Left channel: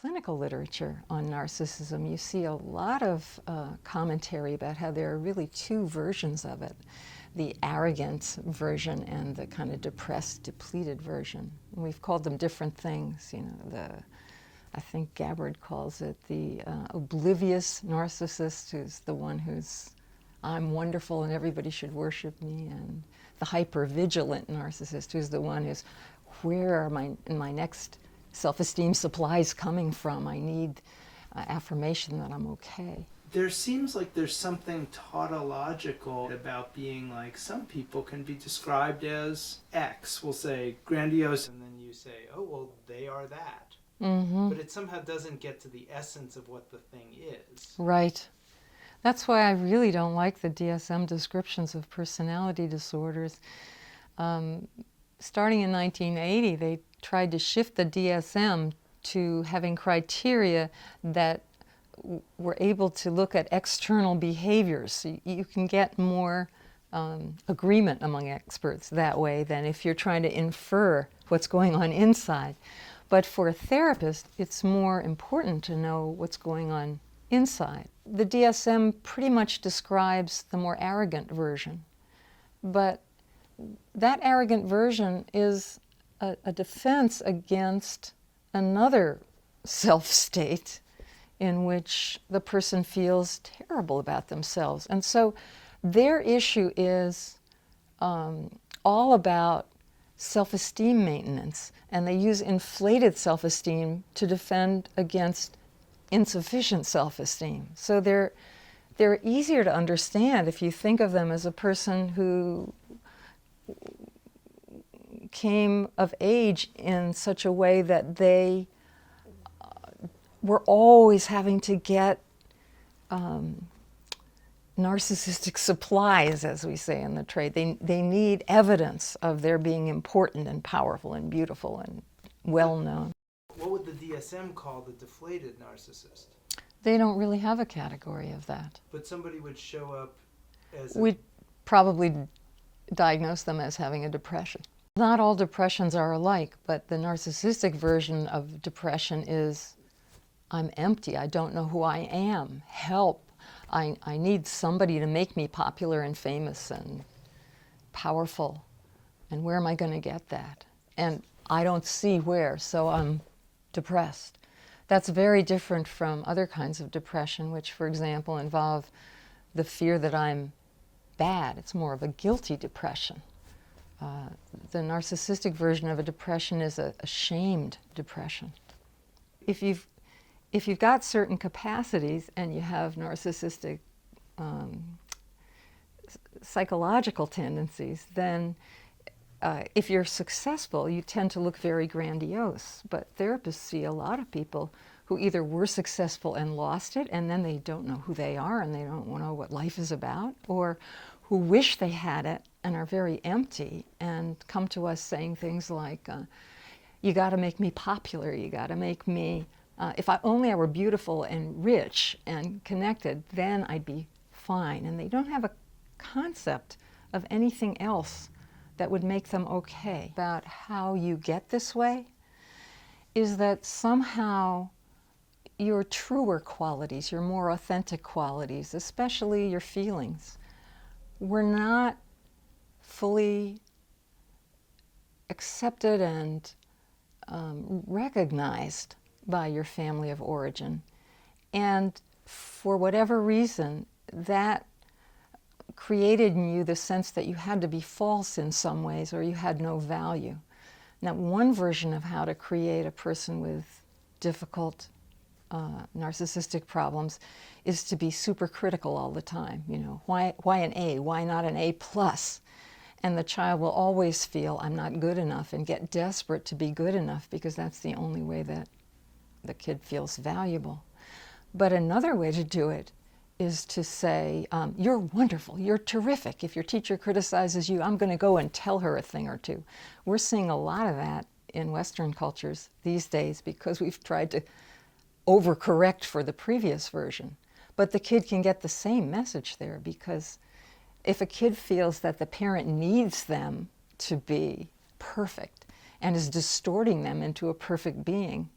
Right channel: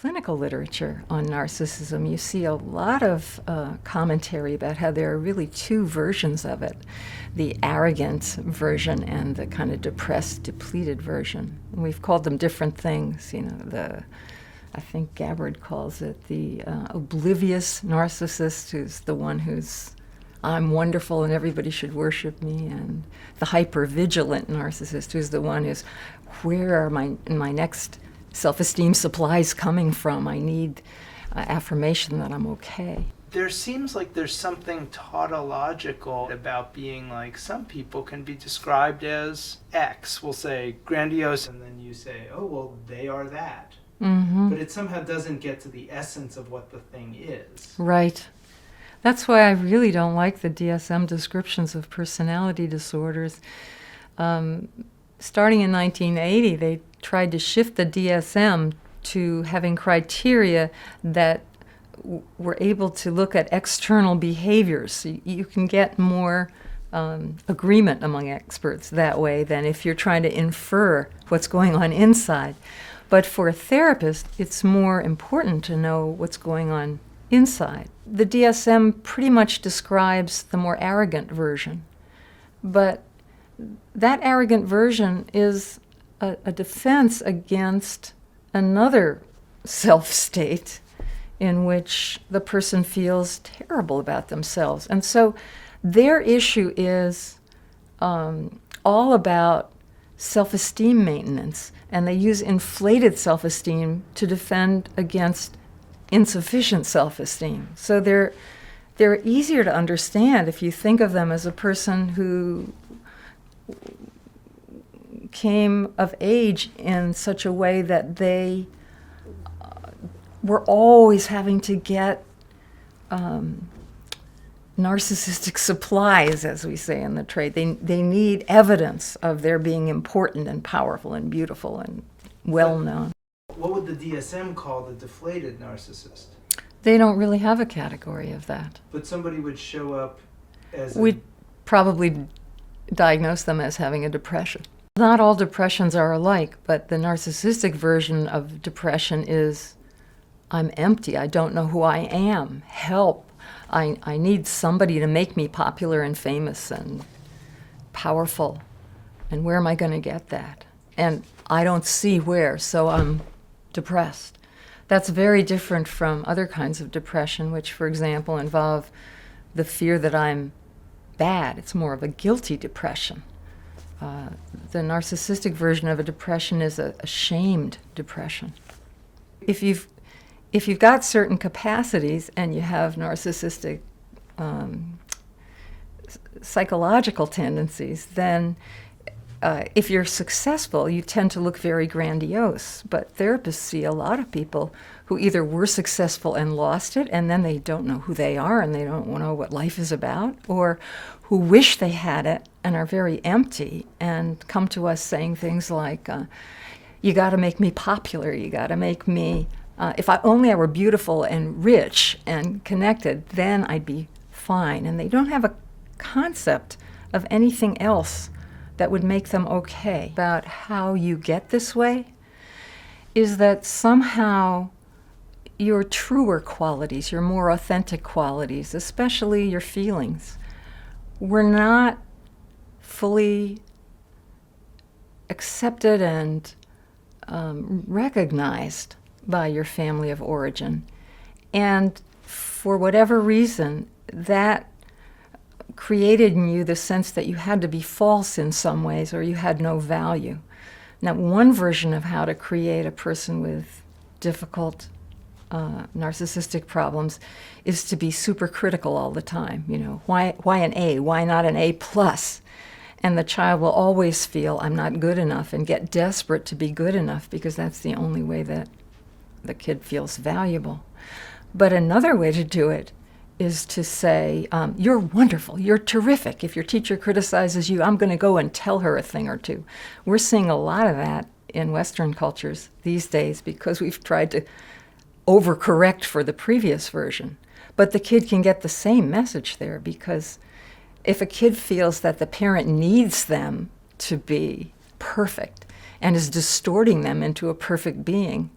clinical literature on narcissism, you see a lot of commentary about how there are really two versions of it, the arrogant version and the kind of depressed, depleted version. And we've called them different things. You know, I think Gabbard calls it the oblivious narcissist, who's the one who's, I'm wonderful and everybody should worship me, and the hyper-vigilant narcissist, who's the one who's, where are my next self-esteem supplies coming from? I need affirmation that I'm okay. There seems like there's something tautological about being like, some people can be described as X. We'll say grandiose, and then you say, oh, well, they are that. Mm-hmm. But it somehow doesn't get to the essence of what the thing is. Right. That's why I really don't like the DSM descriptions of personality disorders. Starting in 1980, they tried to shift the DSM to having criteria that were able to look at external behaviors. So you can get more agreement among experts that way than if you're trying to infer what's going on inside. But for a therapist, it's more important to know what's going on inside. The DSM pretty much describes the more arrogant version, but that arrogant version is a defense against another self-state in which the person feels terrible about themselves. And so their issue is all about self-esteem maintenance, and they use inflated self-esteem to defend against insufficient self-esteem. So they're easier to understand if you think of them as a person who came of age in such a way that they were always having to get narcissistic supplies, as we say in the trade. They need evidence of their being important and powerful and beautiful and well-known. What would the DSM call the deflated narcissist? They don't really have a category of that. But somebody would show up as We'd probably diagnose them as having a depression. Not all depressions are alike, but the narcissistic version of depression is, I'm empty, I don't know who I am, help. I need somebody to make me popular and famous and powerful. And where am I going to get that? And I don't see where, so I'm depressed. That's very different from other kinds of depression, which, for example, involve the fear that I'm bad. It's more of a guilty depression. The narcissistic version of a depression is a shamed depression. If you've got certain capacities and you have narcissistic psychological tendencies, then if you're successful, you tend to look very grandiose. But therapists see a lot of people who either were successful and lost it, and then they don't know who they are and they don't know what life is about, or who wish they had it and are very empty and come to us saying things like, you got to make me popular, you got to make me, if I were beautiful and rich and connected, then I'd be fine. And they don't have a concept of anything else that would make them okay. About how you get this way is that somehow your truer qualities, your more authentic qualities, especially your feelings, were not fully accepted and recognized by your family of origin. And for whatever reason, that created in you the sense that you had to be false in some ways or you had no value. Now, one version of how to create a person with difficult narcissistic problems is to be super critical all the time. You know, why an A? Why not an A+? And the child will always feel, I'm not good enough, and get desperate to be good enough because that's the only way that the kid feels valuable. But another way to do it is to say, you're wonderful, you're terrific. If your teacher criticizes you, I'm going to go and tell her a thing or two. We're seeing a lot of that in Western cultures these days because we've tried to overcorrect for the previous version. But the kid can get the same message there, because if a kid feels that the parent needs them to be perfect and is distorting them into a perfect being,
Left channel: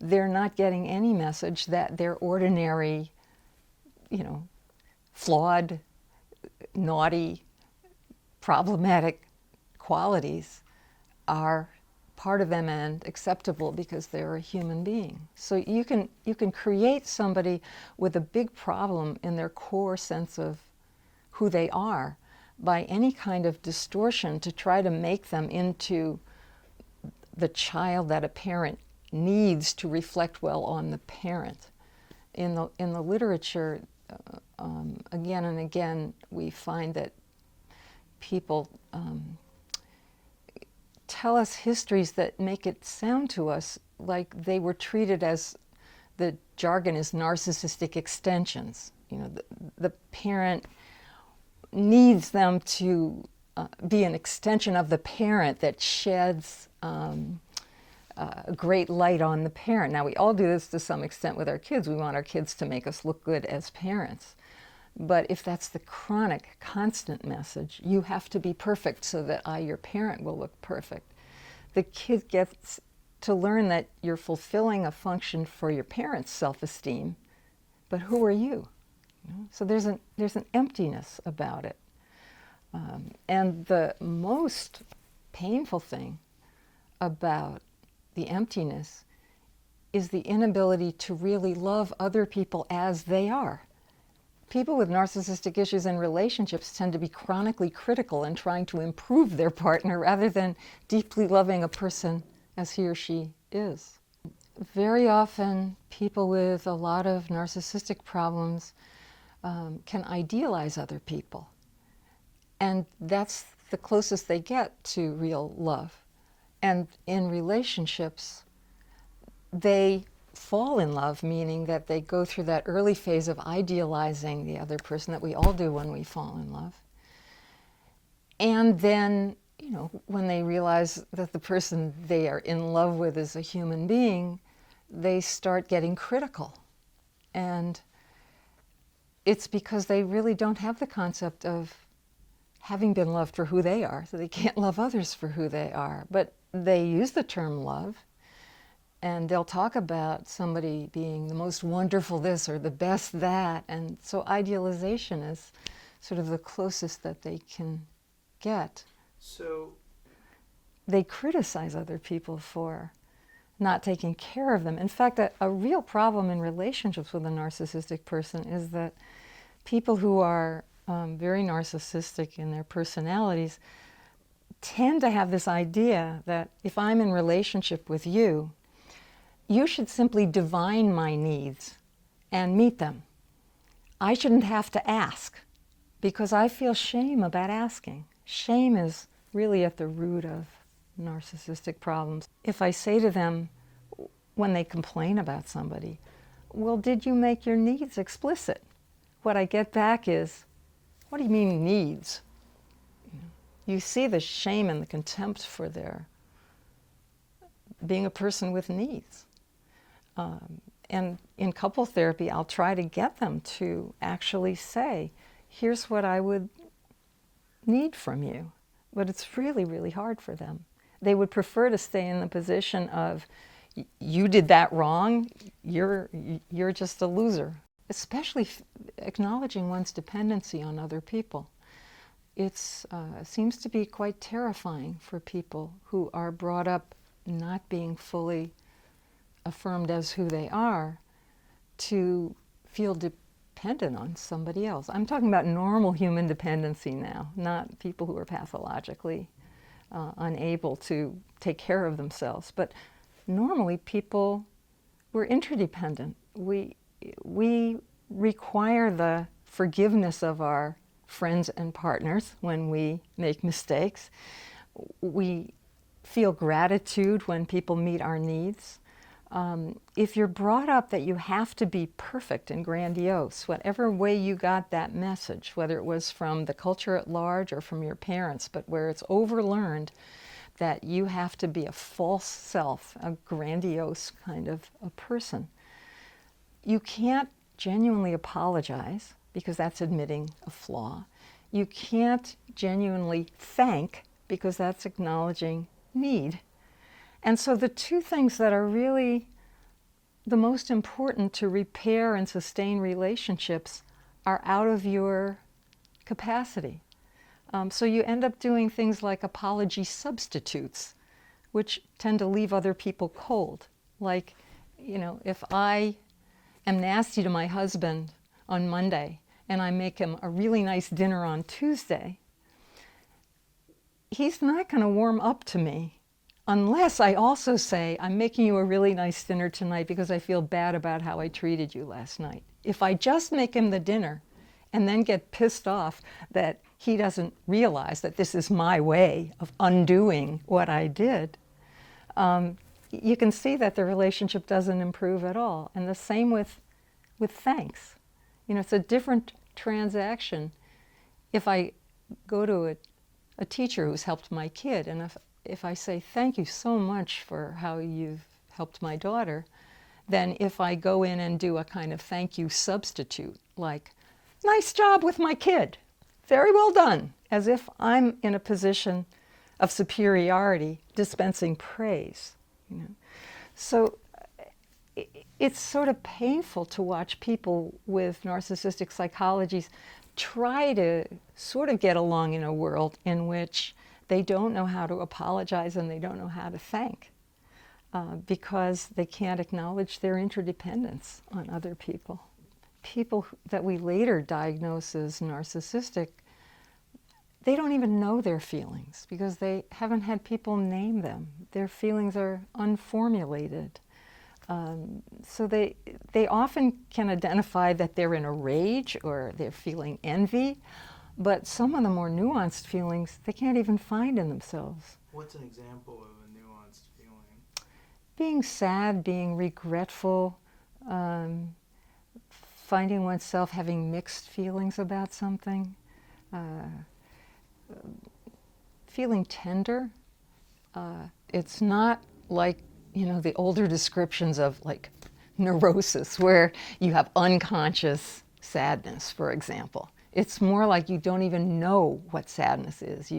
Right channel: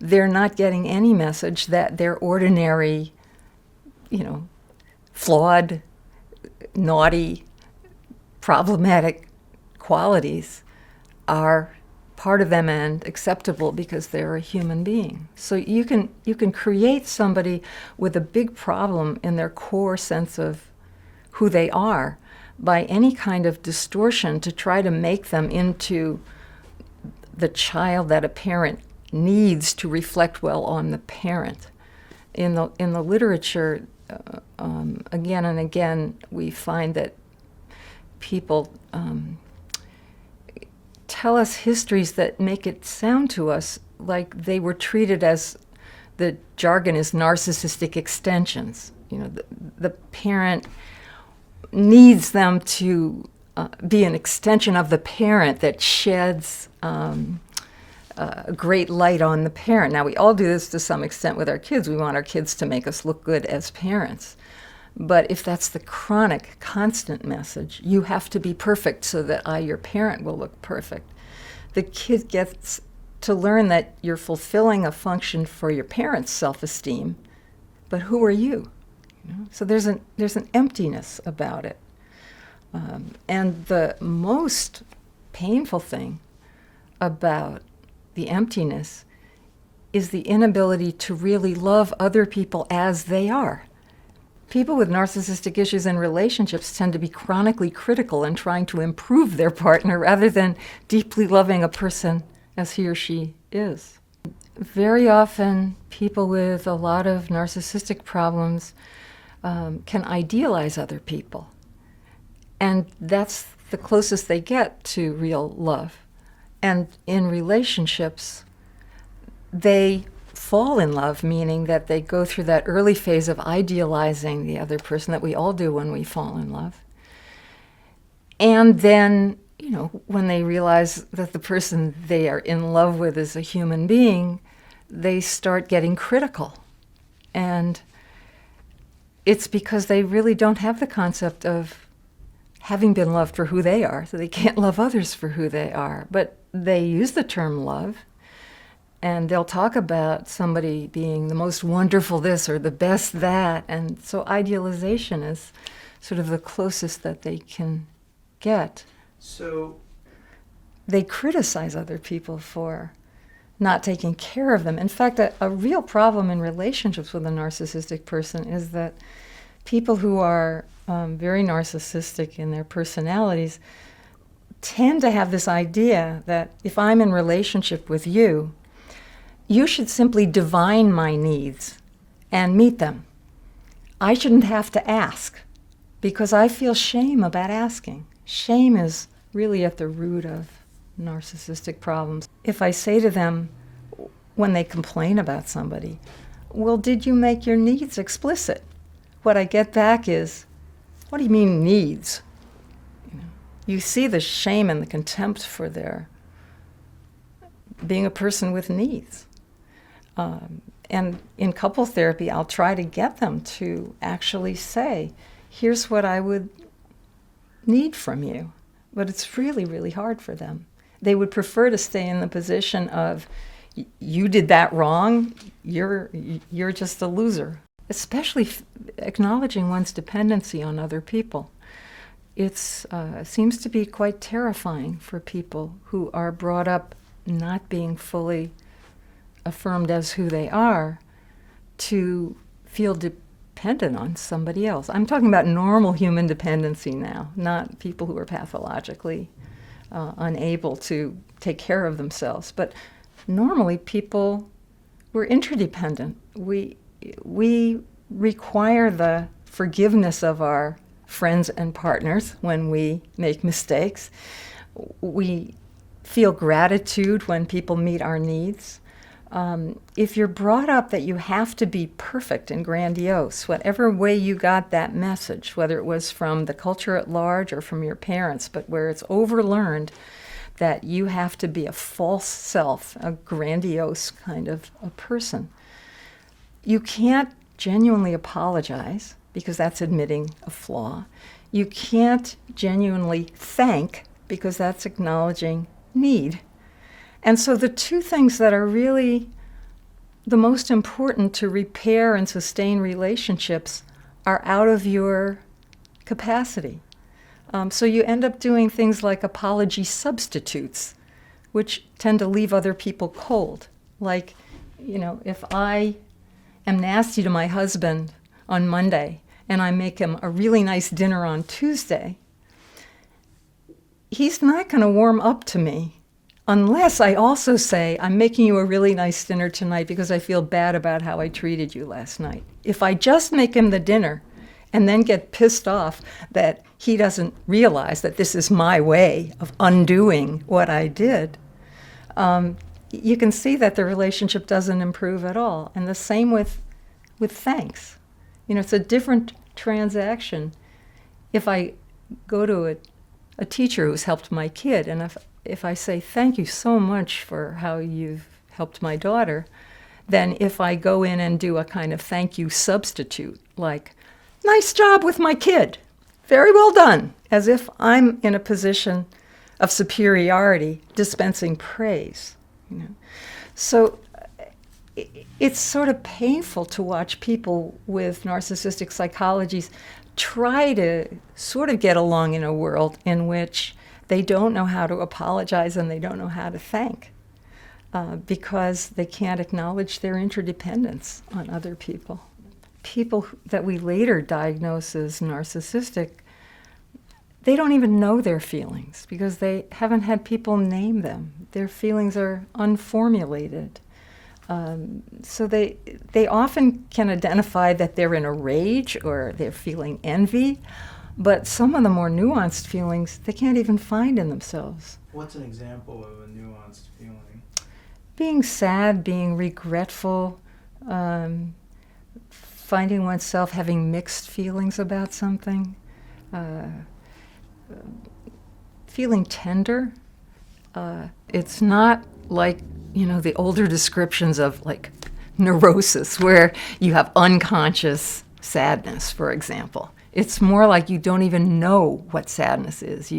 they're not getting any message that their ordinary, flawed, naughty, problematic qualities are part of them and acceptable because they're a human being. So you can create somebody with a big problem in their core sense of who they are by any kind of distortion to try to make them into the child that a parent needs to reflect well on the parent. In the literature, again and again, we find that people tell us histories that make it sound to us like they were treated as, the jargon is narcissistic extensions. The parent needs them to be an extension of the parent that sheds a great light on the parent. Now, we all do this to some extent with our kids. We want our kids to make us look good as parents. But if that's the chronic, constant message, you have to be perfect so that your parent, will look perfect. The kid gets to learn that you're fulfilling a function for your parent's self-esteem, but who are you? So there's an emptiness about it. And the most painful thing about the emptiness is the inability to really love other people as they are. People with narcissistic issues in relationships tend to be chronically critical and trying to improve their partner rather than deeply loving a person as he or she is. Very often, people with a lot of narcissistic problems can idealize other people. And that's the closest they get to real love. And in relationships, they fall in love, meaning that they go through that early phase of idealizing the other person that we all do when we fall in love. And then, when they realize that the person they are in love with is a human being, they start getting critical. And it's because they really don't have the concept of having been loved for who they are, so they can't love others for who they are. But they use the term love, and they'll talk about somebody being the most wonderful this or the best that. And so idealization is sort of the closest that they can get. So they criticize other people for not taking care of them. In fact, a real problem in relationships with a narcissistic person is that people who are very narcissistic in their personalities tend to have this idea that if I'm in relationship with you, you should simply divine my needs and meet them. I shouldn't have to ask because I feel shame about asking. Shame is really at the root of narcissistic problems. If I say to them when they complain about somebody, well, did you make your needs explicit? What I get back is, what do you mean needs? You see the shame and the contempt for their being a person with needs. And in couple therapy, I'll try to get them to actually say, here's what I would need from you. But it's really, really hard for them. They would prefer to stay in the position of, you did that wrong, you're just a loser. Especially acknowledging one's dependency on other people. It seems to be quite terrifying for people who are brought up not being fully affirmed as who they are to feel dependent on somebody else. I'm talking about normal human dependency now, not people who are pathologically unable to take care of themselves. But normally people, we're interdependent. We require the forgiveness of our friends and partners when we make mistakes. We feel gratitude when people meet our needs. If you're brought up that you have to be perfect and grandiose, whatever way you got that message, whether it was from the culture at large or from your parents, but where it's overlearned that you have to be a false self, a grandiose kind of a person, you can't genuinely apologize because that's admitting a flaw. You can't genuinely thank because that's acknowledging need. And so the two things that are really the most important to repair and sustain relationships are out of your capacity. So you end up doing things like apology substitutes, which tend to leave other people cold. Like, if I am nasty to my husband on Monday and I make him a really nice dinner on Tuesday, he's not going to warm up to me unless I also say, I'm making you a really nice dinner tonight because I feel bad about how I treated you last night. If I just make him the dinner and then get pissed off that he doesn't realize that this is my way of undoing what I did, you can see that the relationship doesn't improve at all. And the same with thanks. It's a different transaction. If I go to a teacher who's helped my kid, and if I say, thank you so much for how you've helped my daughter, then if I go in and do a kind of thank you substitute, like, nice job with my kid, very well done, as if I'm in a position of superiority dispensing praise. So it's sort of painful to watch people with narcissistic psychologies try to sort of get along in a world in which they don't know how to apologize and they don't know how to thank because they can't acknowledge their interdependence on other people. People that we later diagnose as narcissistic, they don't even know their feelings because they haven't had people name them. Their feelings are unformulated. So they often can identify that they're in a rage or they're feeling envy, but some of the more nuanced feelings they can't even find in themselves. What's an example of a nuanced feeling? Being sad, being regretful, finding oneself having mixed feelings about something, feeling tender. It's not like, the older descriptions of like neurosis where you have unconscious sadness, for example. It's more like you don't even know what sadness is.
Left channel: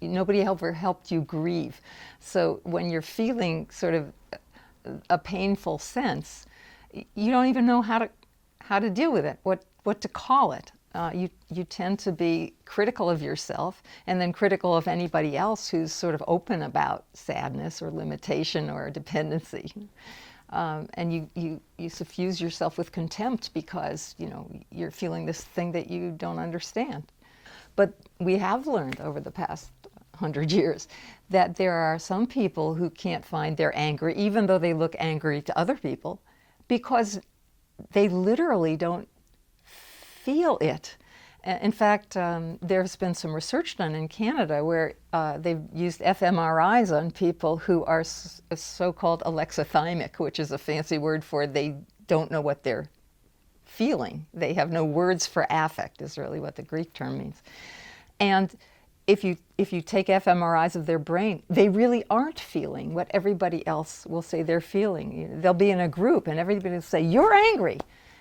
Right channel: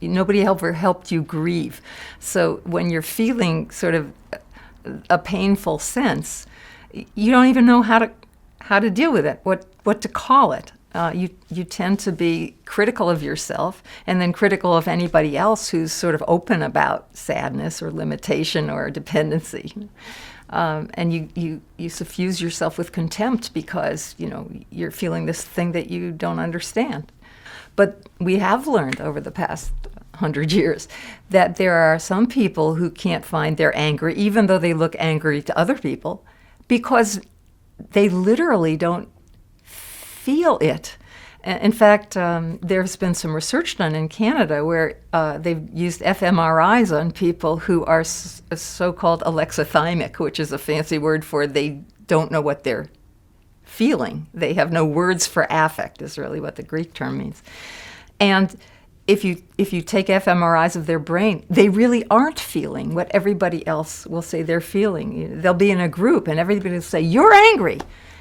Nobody ever helped you grieve. So when you're feeling sort of a painful sense, you don't even know how to deal with it, what to call it. You tend to be critical of yourself and then critical of anybody else who's sort of open about sadness or limitation or dependency. And you suffuse yourself with contempt because, you're feeling this thing that you don't understand. But we have learned over the past 100 years that there are some people who can't find their anger, even though they look angry to other people, because they literally don't feel it. In fact, there's been some research done in Canada where they've used fMRIs on people who are so-called alexithymic, which is a fancy word for they don't know what they're feeling. They have no words for affect, is really what the Greek term means. And if you take fMRIs of their brain, they really aren't feeling what everybody else will say they're feeling. They'll be in a group and everybody will say, "You're angry."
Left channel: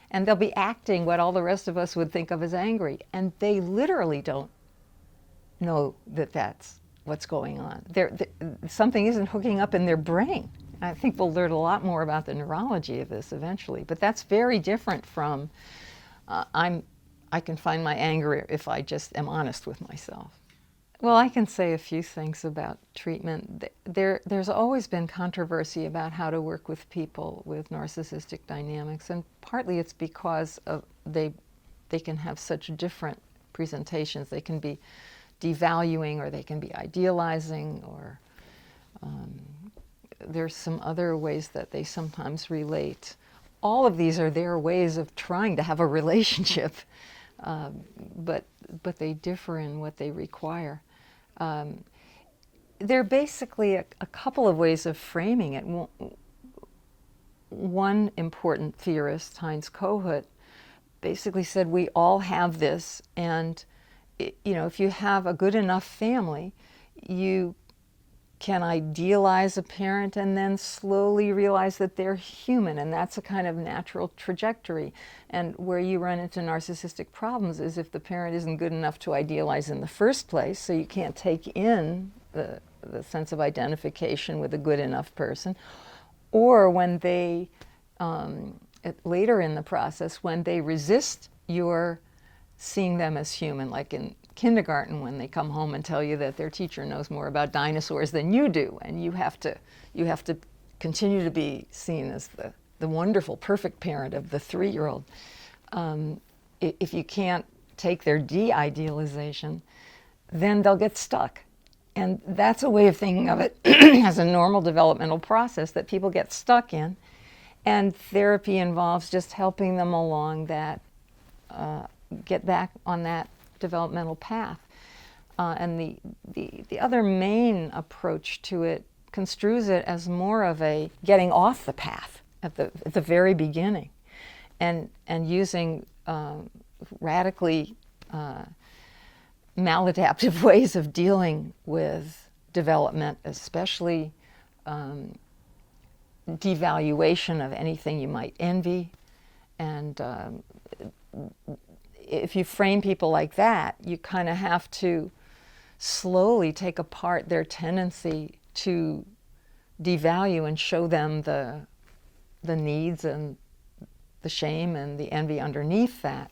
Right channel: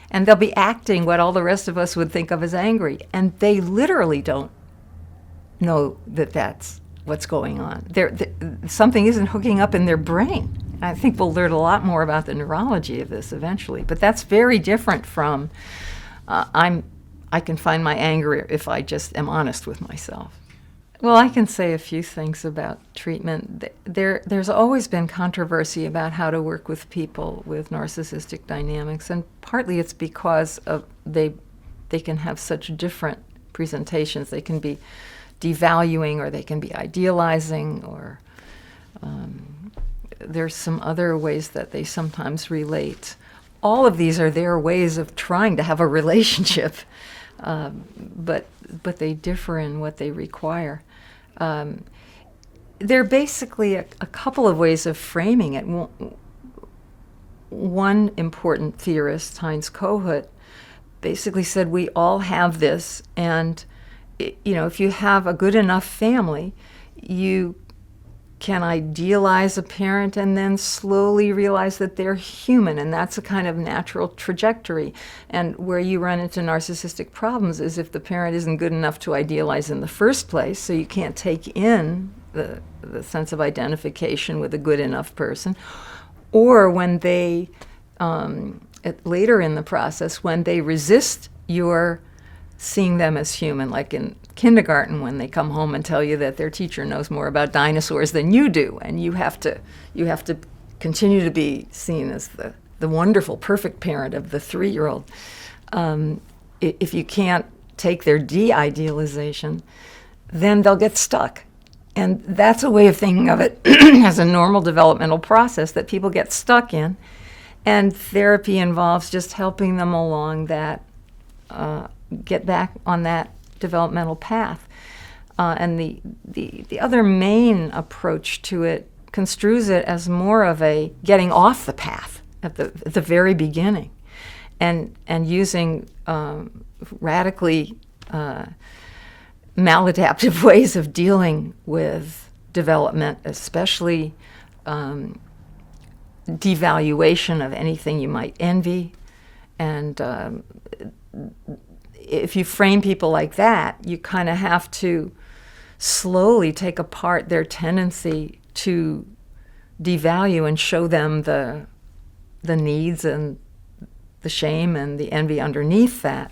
And they'll be acting what all the rest of us would think of as angry. And they literally don't know that that's what's going on. Something isn't hooking up in their brain. I think we'll learn a lot more about the neurology of this eventually. But that's very different from I can find my anger if I just am honest with myself. Well, I can say a few things about treatment. There's always been controversy about how to work with people with narcissistic dynamics, and partly it's because of they can have such different presentations. They can be devaluing, or they can be idealizing, or there's some other ways that they sometimes relate. All of these are their ways of trying to have a relationship, but they differ in what they require. There are basically a couple of ways of framing it. One important theorist, Heinz Kohut, basically said we all have this, and if you have a good enough family, you can idealize a parent and then slowly realize that they're human, and that's a kind of natural trajectory. And where you run into narcissistic problems is if the parent isn't good enough to idealize in the first place, so you can't take in the sense of identification with a good enough person, or when they later in the process when they resist your seeing them as human, like in kindergarten when they come home and tell you that their teacher knows more about dinosaurs than you do, and you have to continue to be seen as the wonderful, perfect parent of the 3-year-old. If you can't take their de-idealization, then they'll get stuck. And that's a way of thinking of it as a normal developmental process that people get stuck in. And therapy involves just helping them along that, get back on that developmental path. And the other main approach to it construes it as more of a getting off the path at the very beginning, and using radically maladaptive ways of dealing with development, especially devaluation of anything you might envy. And if you frame people like that, you kind of have to slowly take apart their tendency to devalue and show them the needs and the shame and the envy underneath that.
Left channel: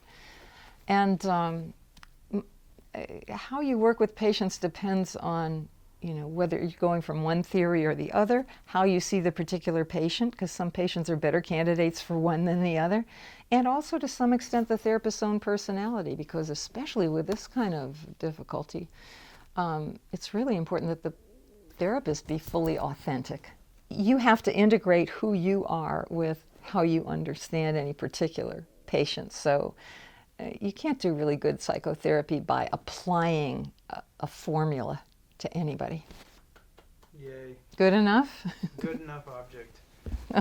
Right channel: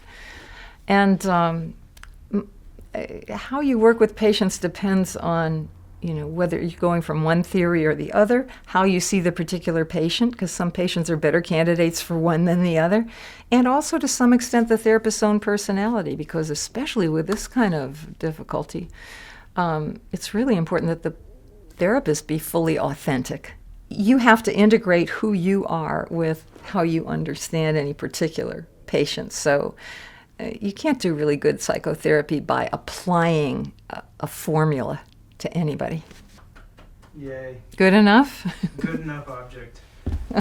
And how you work with patients depends on, whether you're going from one theory or the other, how you see the particular patient, because some patients are better candidates for one than the other, and also to some extent the therapist's own personality, because especially with this kind of difficulty, it's really important that the therapist be fully authentic. You have to integrate who you are with how you understand any particular patient. So you can't do really good psychotherapy by applying a formula to anybody. Yay. Good enough? Good enough object.